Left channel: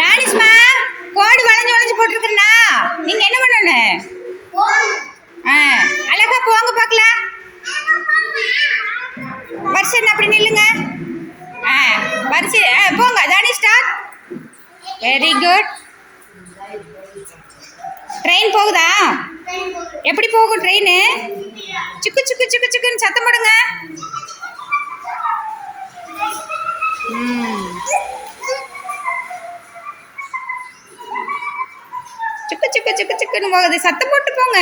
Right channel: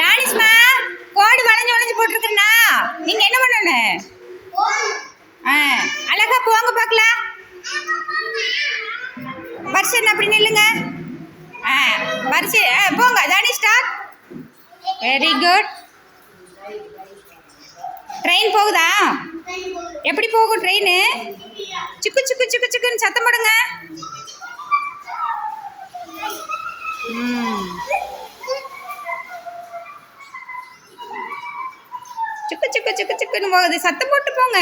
ராணிஸ்மா கோடு வளைஞ்சு வளைஞ்சு போட்டுருக்குறா. நீங்க என்ன பண்ணணும்? அழகா போங்க பார்க்கலாம். பர்சன் அப்படி நில்லுங்க. பர்சன் போங்க. தானி ஸ்டார்ட். Very good. ட்ரெயின் போகுதா? எப்படி போகும் ட்ரெயின்? சுக்கு சுக்கு சுக்கு சுக்குன்னு சத்தம் போடுங்க. சுக்கு சுக்கு சுக்கு சுக்குன்னு போகுது. சத்தம் போட்டு போங்க.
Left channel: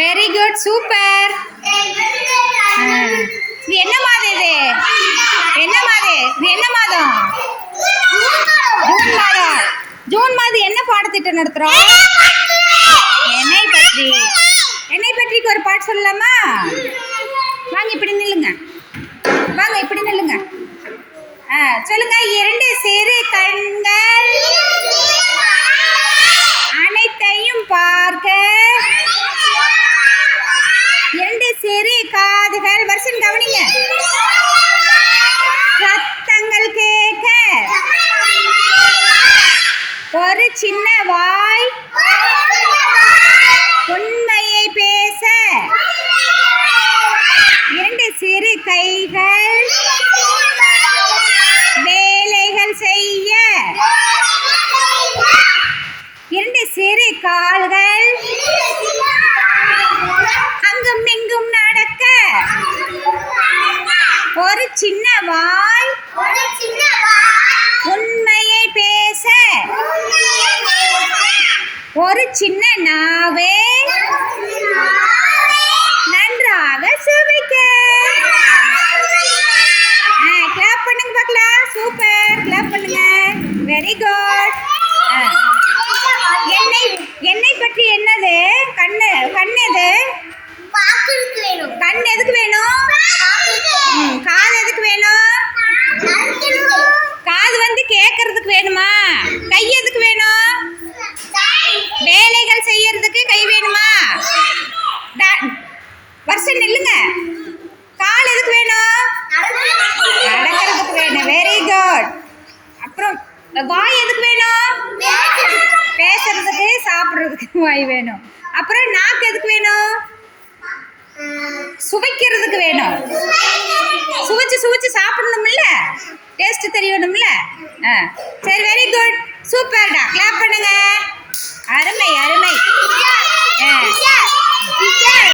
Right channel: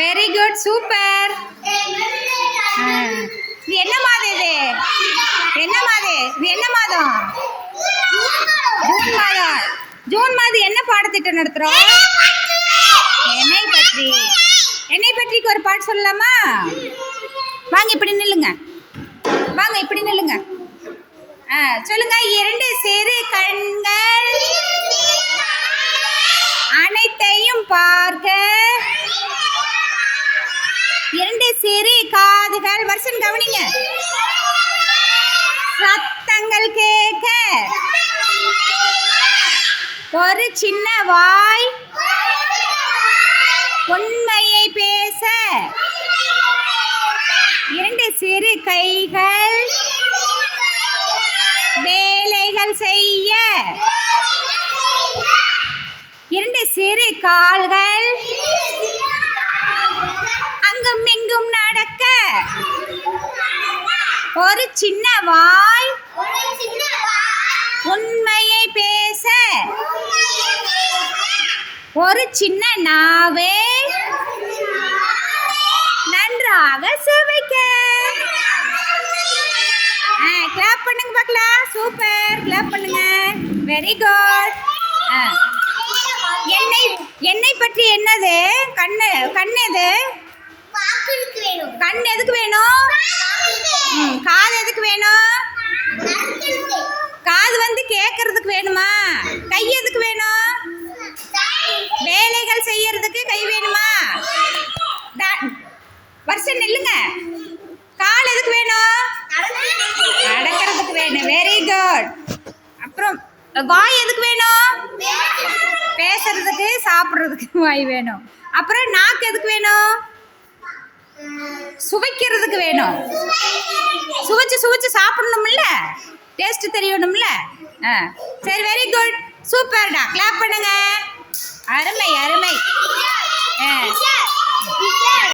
Very good. சூப்பர். இது என்ன மாதம்? இது என்ன மாதம்? இது என்ன மாதம்? ஜூன் மாதம். ஜூன் மாதம் என்ன பாடத்திட்டம் நடத்துறோம்? என்னை பற்றி. என்னை பற்றிக்கு ஒரு பாட்டு சொல்லலாமா? வாங்க இப்படி நில்லுங்க. வாங்க இப்படி நில்லுங்க. சொல்லுங்க. இரண்டு சிறு கண்கள் அனைத்தையும் பார்க்க, இரண்டு சிறு காதுகள் வருஷம் கவனிங்க, சத்தங்கள் கேட்க, ஒரு சின்ன வாய் உண்மையை பேச, இரண்டு சிறு கைகள் வேலைகள் செய்ய, இரண்டு சிறு கால்கள் அங்கும் இங்கும் நடக்க, ஒரு சின்ன வாய் உண்மையை பேச, ஒரு சின்ன நாவே நன்றாக சுவைக்க. கிளாப் பண்ணுங்க பார்க்கலாம். சூப்பர். கிளாப் பண்ணுங்க. Very good. என்னை பற்றி என்னது? கண்ணு. கண் எது? கண் எதுக்கு வேணும்? காது எதுக்கு வேணும்? காது வந்து கேட்கறதுக்கு வேணுமா? கை எதுக்கு வேணும்? வேலைகள் செய்யறதுக்கு கை வேணுமா? வருஷம் நில்லுங்க. கால் எதுக்கு வேணும்? நடக்கிறதுக்கு வேணும். Very good. அப்புறம் வாய் எதுக்கு வேணும்? பேசுறதுக்கு சாப்பிட்றதுக்கு வாய் வேணும். அப்புறம் நாக்கு எதுக்கு வேணும்? சுவைக்கிறதுக்கு வேணும். சுவைச்சு சுவைச்சு சாப்பிடணும்ல, டேஸ்ட் தெரியணும்ல. சரி, வெரி குட். சூப்பர்டா. கிளாப் பண்ணுங்க. அருமை அருமை.